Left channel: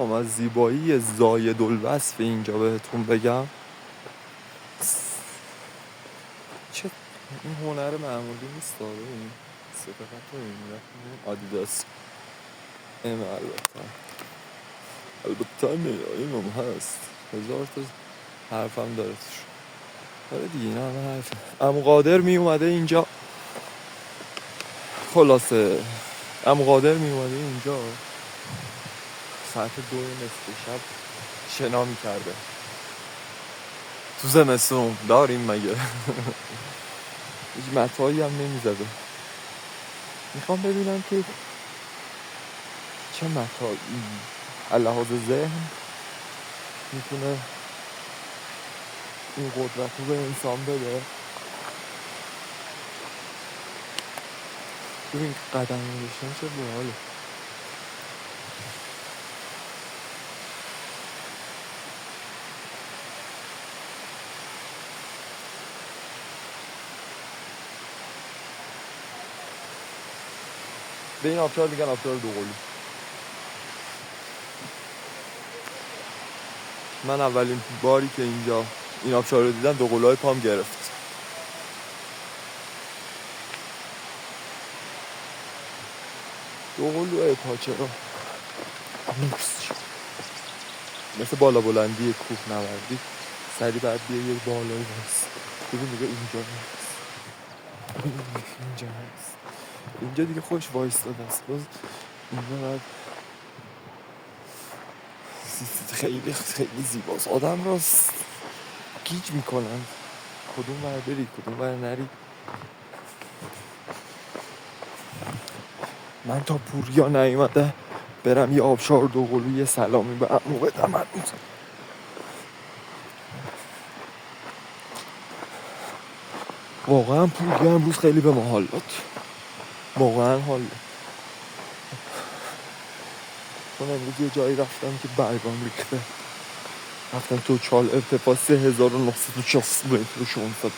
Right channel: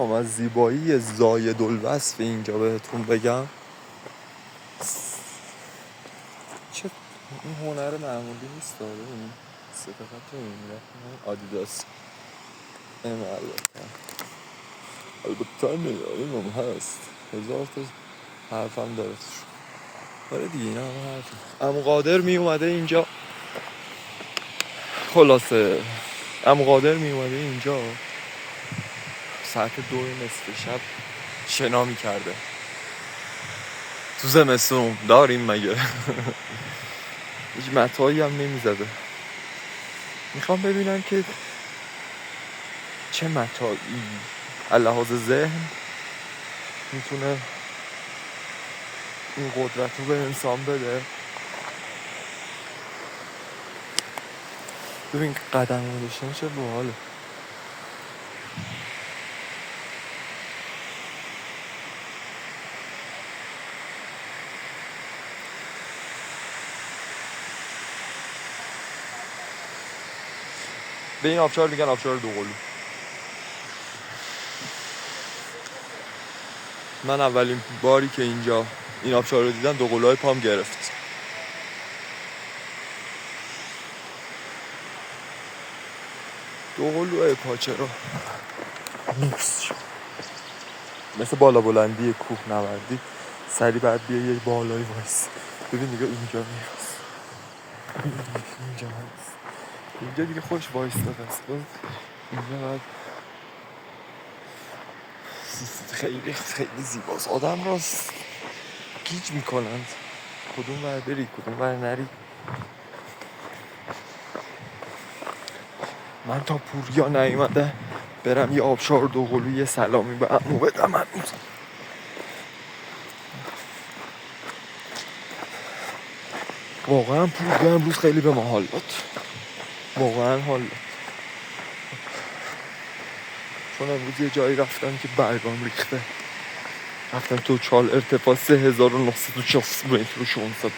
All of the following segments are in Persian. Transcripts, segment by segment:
بخوام از زیبایی زاید الوصف اینجا بهتون بگم، چه این هنر معمولی نیست داره. این سفقت رو اینجا آدیداس این البته این هم هست، هزار تا حرفم داره. آره دیگه این همه حرف. عمو قادر می اومده اینجا، خلاصه عمو قادر می اومده اینجا ساعت 2 نصف شب شنا می‌کرده. تو زمستون داریم مگه؟ هیچ متاعی هم نمی‌زده. میخوام ببینم که چه متاعی لحاظ ذهن میتونه این قدرت رو به انسان بده. ببین قدم نشون چه باحاله. به این آبشار میگن آبشار دوقلو. من اولین باری که اینجا این آبشار رو دیدم دوقلوهای پام گرفت. دوقلوهای پاچه رو مثل بالا بلندی کوه نوردی سری بعد بیا یه بالایی واسه ببین دیگه اینجا نیست، اینجا هست، اینجا دیگه خوش وایستاده است. اینجا بعد خیلی خیلی زیباست. آدم رو گیج میکنند کدوم ور بری کدوم ور نری. من تا پوریا نیومده برم یه آبشار دوقلو یه سلامی به عمو بدم. واقعا پوریا امروز خیلی به ما حال داد، واقعا حال داد. چون امروز یه جایی رفتم که برگام ریخته، رفتم تو چال ارتفاع 3960 متر و 600.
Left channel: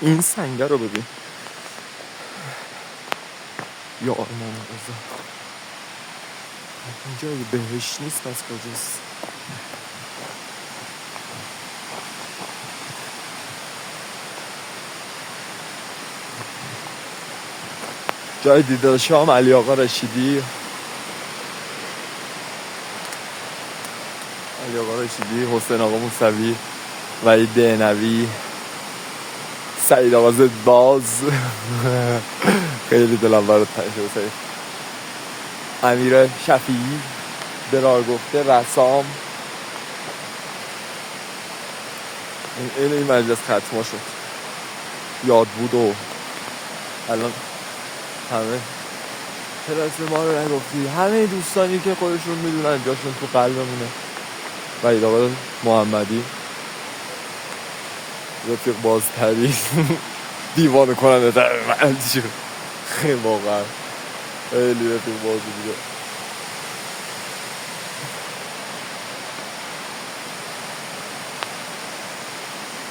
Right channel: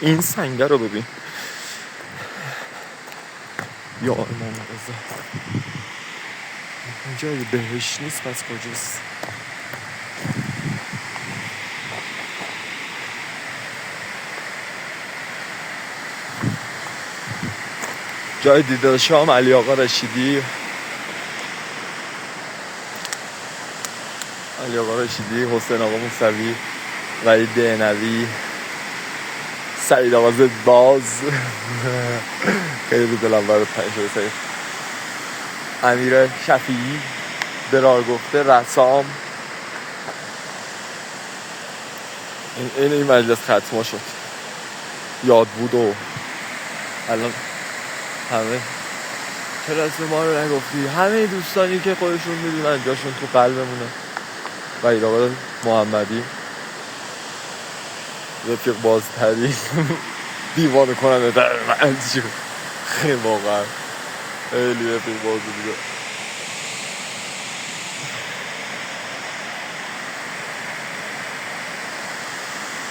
این سنگه رو ببین یا امام رضا، اینجا یه بهش نیست پس کجاست؟ جای دیدار شام علی آقا رشیدی، علی آقا رشیدی، حسین آقا موسوی، وحید دهنوی، سعید آقا زدباز. خیلی دلم برات تنگ شده. امیر شفیعی، درار گفته، رسام. این مجلس ختما شد، یاد بود و الان همه چرا اسم ما رو نگفتی؟ همه دوستانی که خودشون میدونن جاشون تو قلبمونه. وحید آقا محمدی رفیق بازتری دیوانه کننده در من شد. خیلی واقعا خیلی رفیق بازی بوده.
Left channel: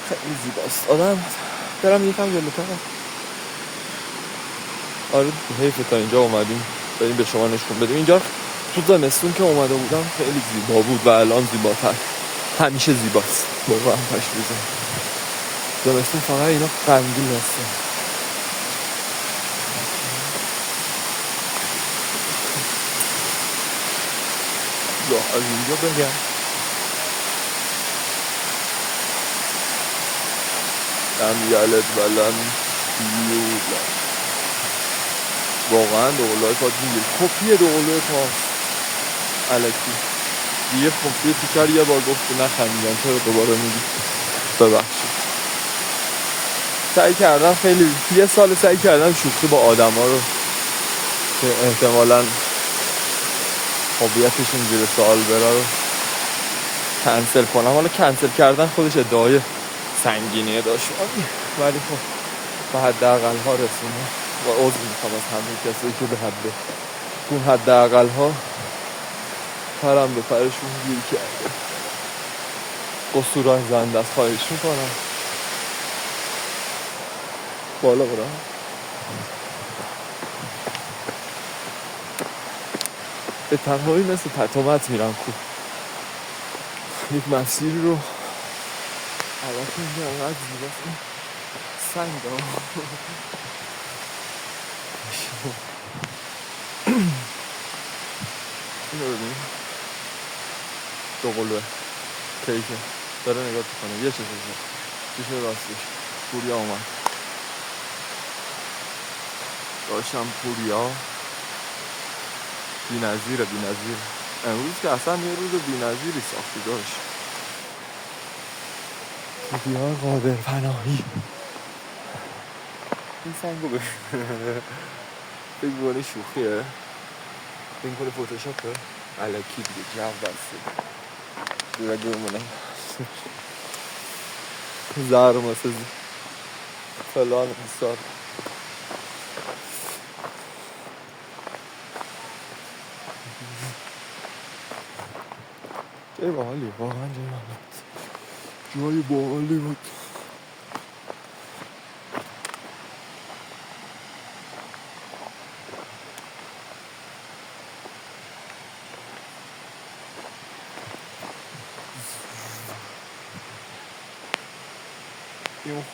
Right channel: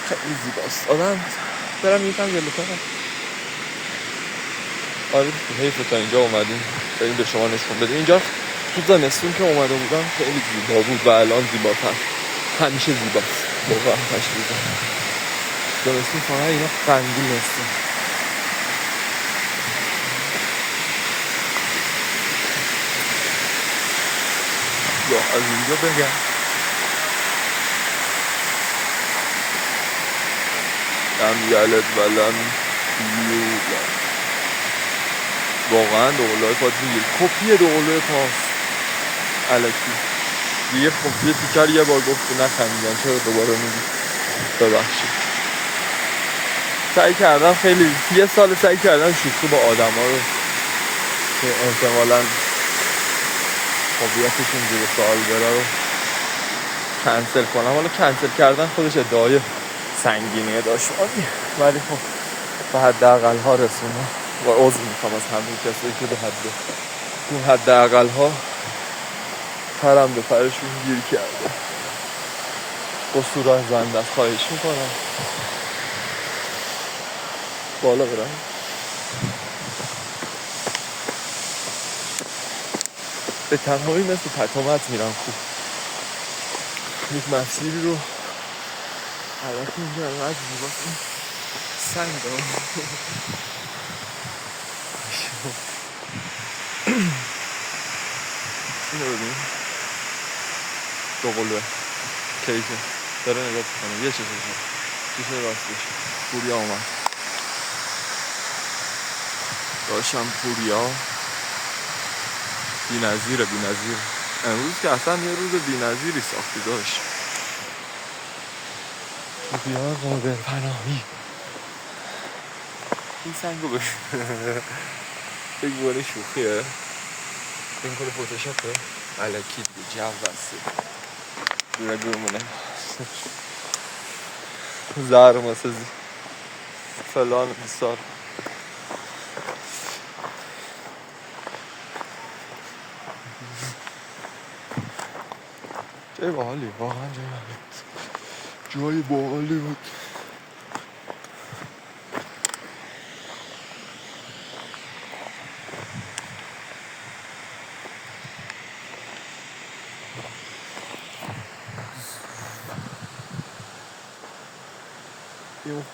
خیلی زیباست. آدم برم یکم جلوتر. آره حیفه تا اینجا اومدیم بریم به شما نشون بدیم. اینجا تو زمستون که اومده بودم خیلی زیبا بود و الان زیباتر. همیشه زیباست واقعا. تشریزم زمستون فقط اینا غمگین هستن. یا از اینجا بگم لم یلد ولم یولد. واقعا دوقلوهای پا میگیر کپی دوقلوی پاست الکی. یه کپی پیتر یه بار گفت نخندیدن چرا دوباره میگی؟ ببخشید. سعی کردم خیلی یه سال سعی کردم شوخی با آدم ها رو که احتمالاً هویتشون زیر سوال بره رو کنسل کنم. حالا کنسل کردن خودش ادعای سنگینیه داشت ولی خب به حداقل ها رسونه و عذر میخوام از همه کسی که به اون حداقل ها پرم به پرشون گیر کرده. قصور از زنده است. خواهش میکنم بالا برم. به تنهایی مثل تتمت میرن خوب. یک مسیری رو البته اینجا انقدر زیباست این سنگ ها. اینو ببین دو قلوه کیکه داره نگاه کنه یه چیشه راستش پوریا اومد داشتم پوریا بی نظیر امروز که اصلا یه روز بی نظیری ساختی داشت پوریا قابل پناهی این سنگو ببین فکر بکنی شوخیه این کنه فوتوشاپه علکی دیگه جو بسته دوره دومونه زرماسه فلان بسار جای باحالی واقعا جای باحالی بود این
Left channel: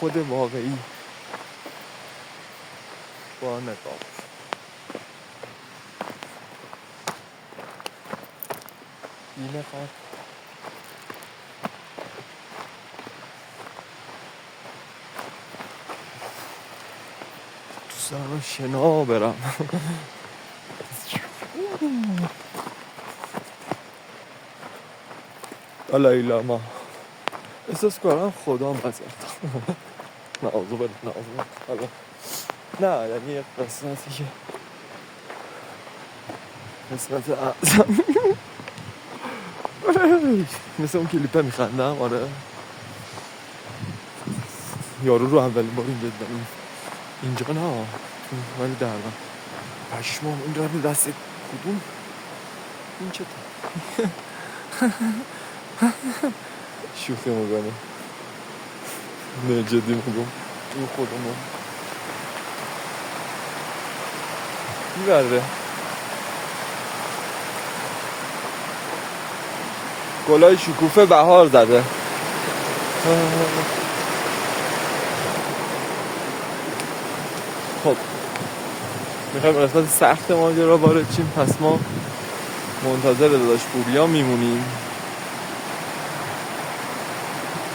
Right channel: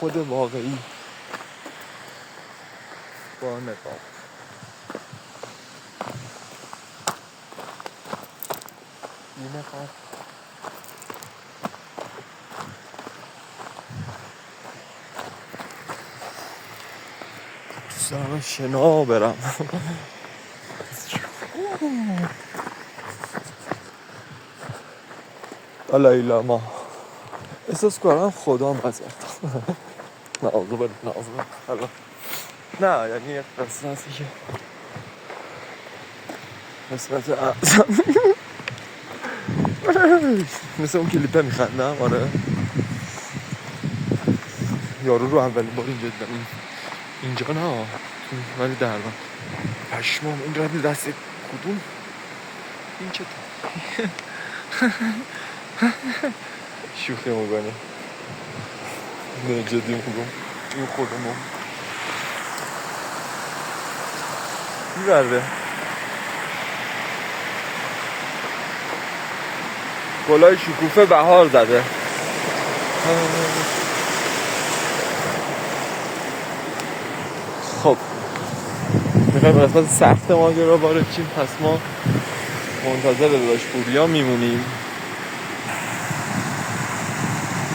خود واقعی با نقاب این نقاب دوست دارم شنا برم الهی ما احساس کنم خدا مزید نعوذ بالله نه یعنی یک قسمتی که قسمت اعظم مثل اون کلیپه میخندم آره یارو رو اولین بار اینجا دیدم اینجا نه ولی دربن پشمام این رد دست کدوم این چه شوخی میگنه نه جدی میگم این خودمون میبرده گلای شکوفه بهار زده خب میخوایم قسمت سخت ماجرا وارد شیم پس ما منتظر داش پوریا میمونیم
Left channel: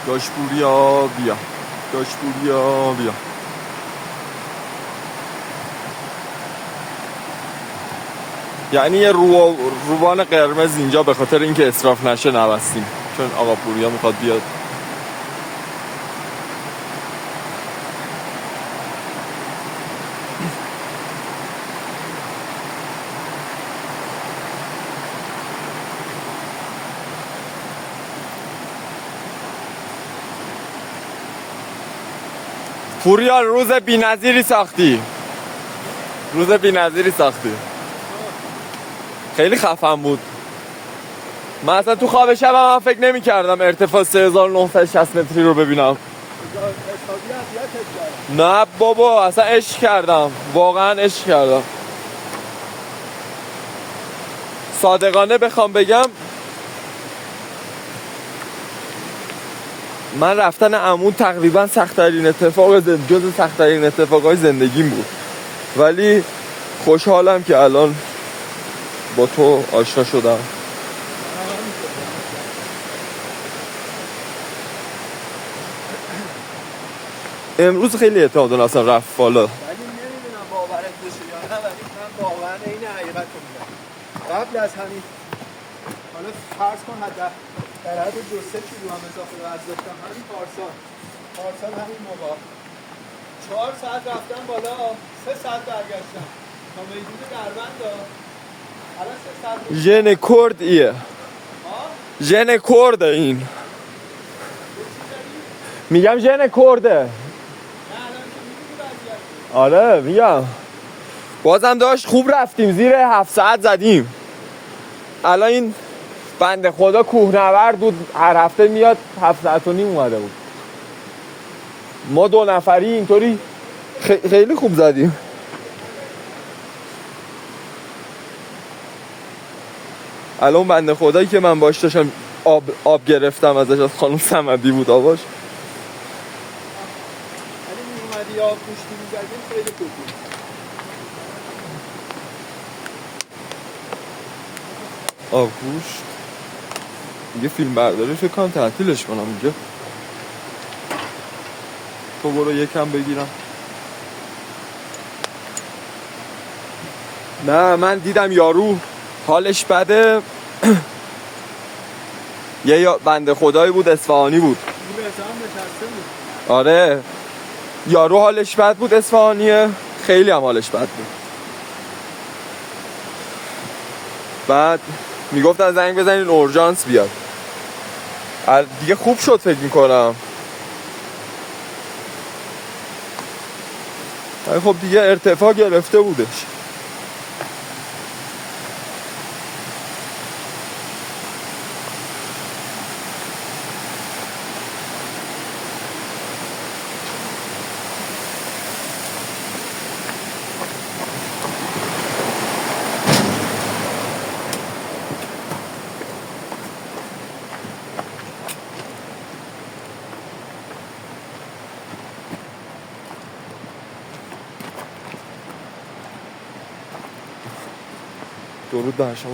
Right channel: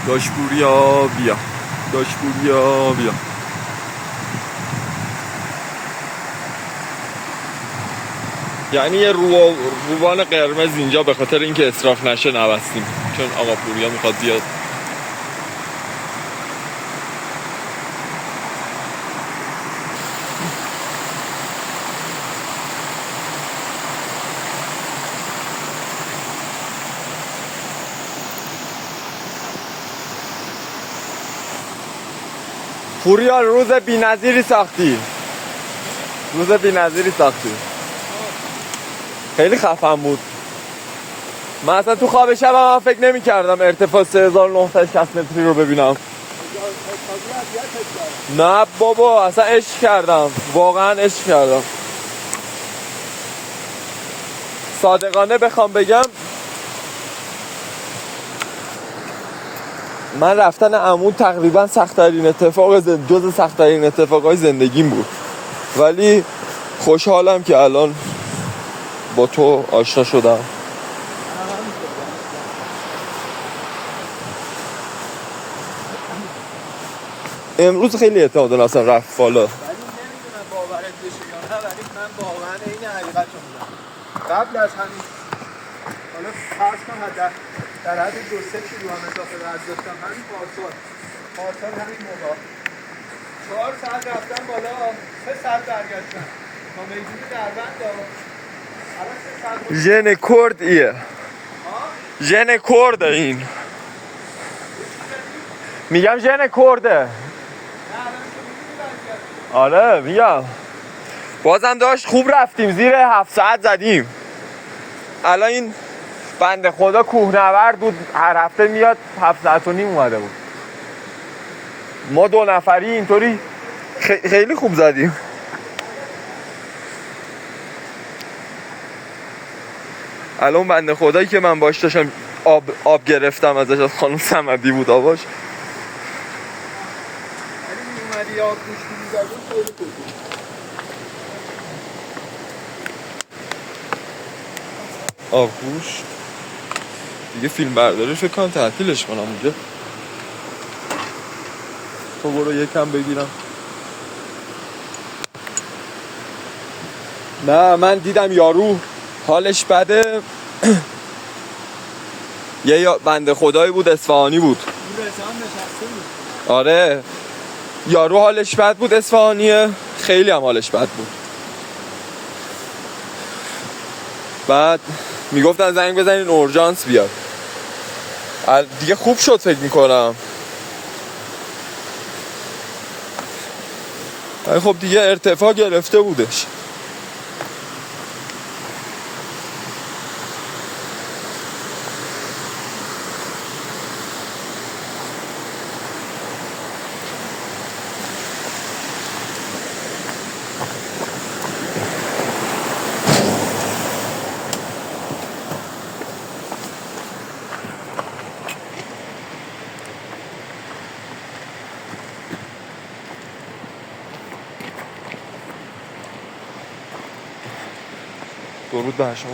داش پوریا بیا یعنی یه روبان قرمز اینجا به خاطر اینکه اسراف نشه نبستیم چون آقا پوریا میخواد بیاد پوریا روز بی‌نظیری ساختی خیلی خفن بود من اصلا تو خواب شبم فکر نمی کردم ارتفاع 3960 متری رو ببینم نه بابا اصلا عشق کردم واقعا عشق کردم صادقانه بخوام بگم من رفتن عمود تقریبا سخت‌ترین اتفاق جز سخت‌ترین اتفاقای زندگیم بود ولی خوشحالم که الان با تو آشنا شدم امروز خیلی اعتماد نفسم رفت بالا ولی نمیدونم باورت بشه یا نه ولی من واقعا این حقیقت رو میگم قبل از همین حالا فرض کن در حد 2-3 کیلو هم اضافه وزن داشتم همین پارسال همین موقع 4 ساعت رفتم بالا 3 ساعت برگشتم تا میدون دربند الان 3 ساعت ژن کرد ایه ژن کرد این میگم ژن کرده آره میگم بازم داشت خوب رفتیم زیر 7 ساعت زدیم الان این بنده خدا کوهنورد بود هر هفته میاد 7 ساعت و نیم اومده بود ما 2 نفری اینطوری خیلی خوب زدیم الان بنده خدایی که من باش داشتم آب گرفتم ازش، از خانم صمدی بود آباش. ولی میومدی آب گوش میزدیم خیلی خوب بود. آبگوش دیگه فیلم برداری فکر کنم تعطیلش کنم اونجا. تو برو یکم بگیرم. نه من دیدم یارو حالش بده. یه بنده خدایی بود اصفهانی بود. این رضا هم نشسته بود. آره یارو حالش بد بود اصفهانیه، خیلی هم حالش بد بود. بعد میگفتن زنگ بزنین اورژانس بیاد. دیگه خوب شد فکر میکنم. خب دیگه ارتفاع گرفته بودش. درود بر شما.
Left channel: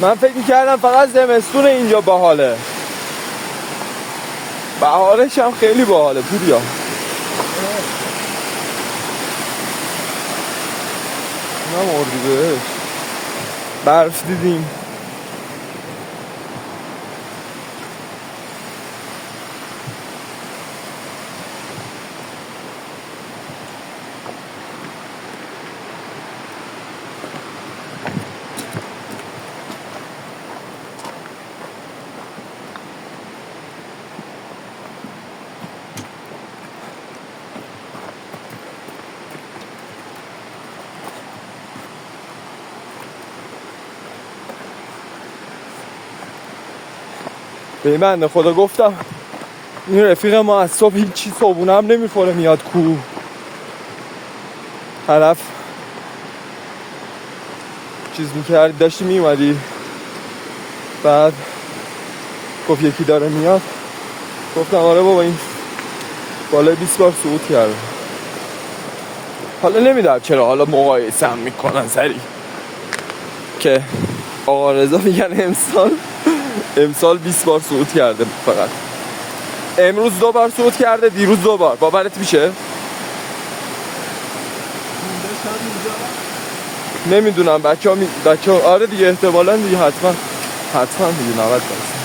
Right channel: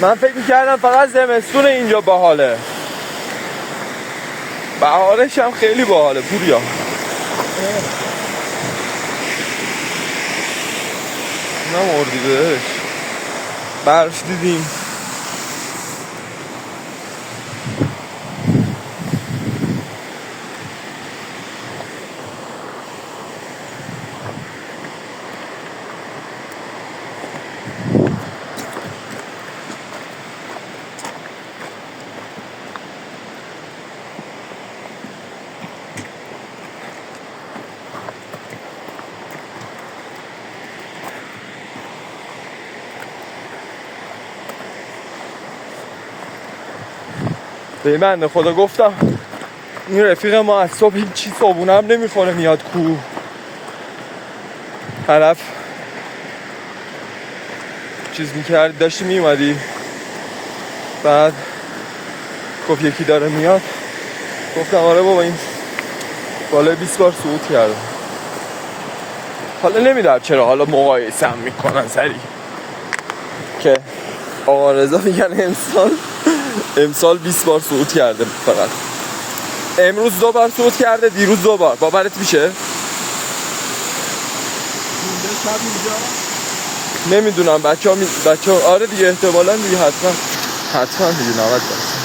من فکر میکردم فقط زمستون اینجا باحاله، بهارش هم خیلی باحاله پوریا. اونم اردیبهشت برف دیدیم. به من خدا گفتم این رفیق ما از صبح هیچی صبونه هم نمیخوره میاد کوه. طرف چیز میکرد داشتی میومدی بعد گفت یکی داره میاد. گفتم آره بابا این بالای 20 بار صعود کرده. حالا نمیدونم چرا حالا مقایسه هم میکنن سریع که آقا رضا میگن امسال 20 بار صعود کرده فقط. امروز 2 بار صعود کرده، دیروز 2 بار. باورت میشه؟ نمیدونم بچه ها آره دیگه احتمالاً دیگه حتما دیگه 90 درصد.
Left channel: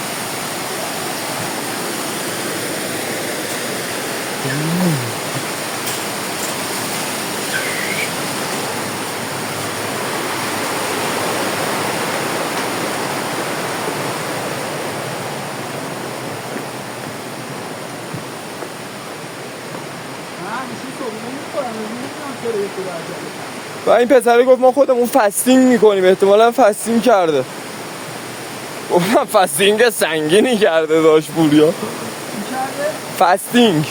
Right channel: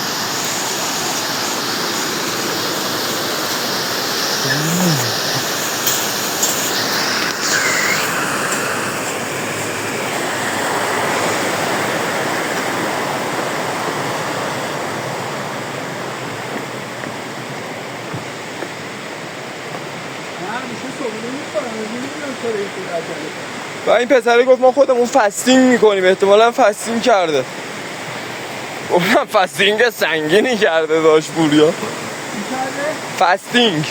و این پسره گفت ما خودمون فستینگ میکنیم، احتمالا فستینگ کرده. اونم فستینگ سنگینی کرده داشت پوریا. فستینگ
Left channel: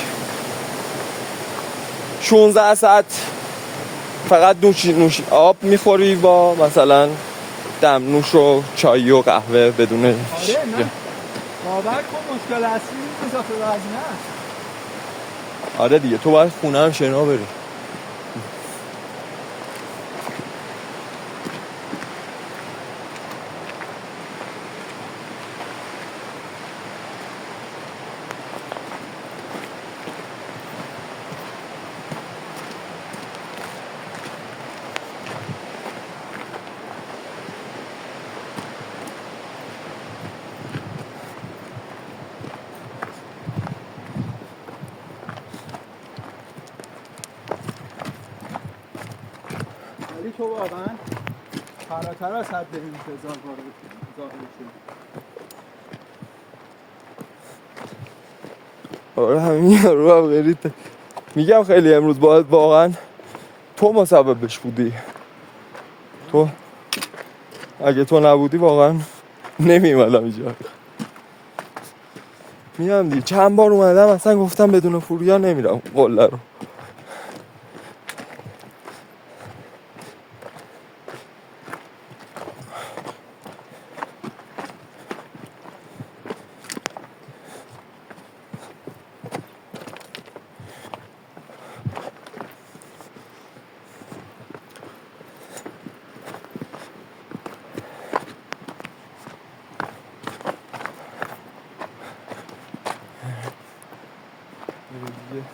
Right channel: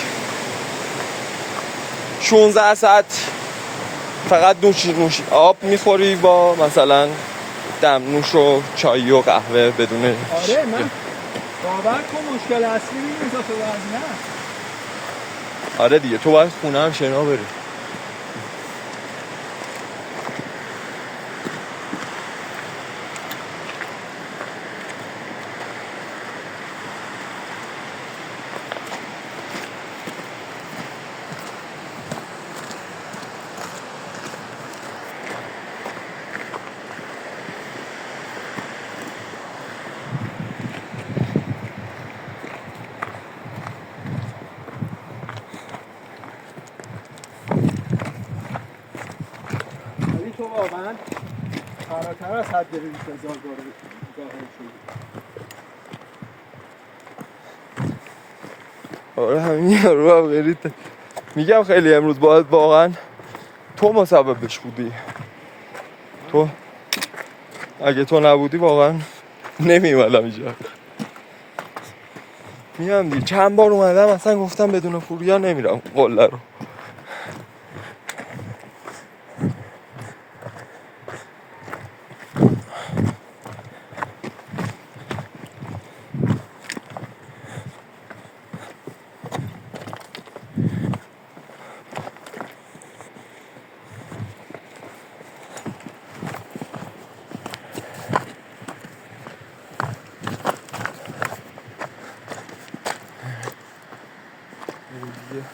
16 ساعت فقط نوش آب میخوری با مثلا دمنوش و چای و قهوه بدون. آره من باور کن مشکل اصلی این اضافه وزنه است. آره دیگه تو باید خونه هم شنا بری. تو واقعا فراتر از حد انتظار ظاهر شد. آره همین یارو هم برید میگم خیلی امروز باید واقعا تو مسببش بودی. تو اگه تو نبودی واقعا نمیمدم اینجا. میام دی چند بار اومدم اصلا گفتم بدون فوبیا نمیرم قله رو. دیگه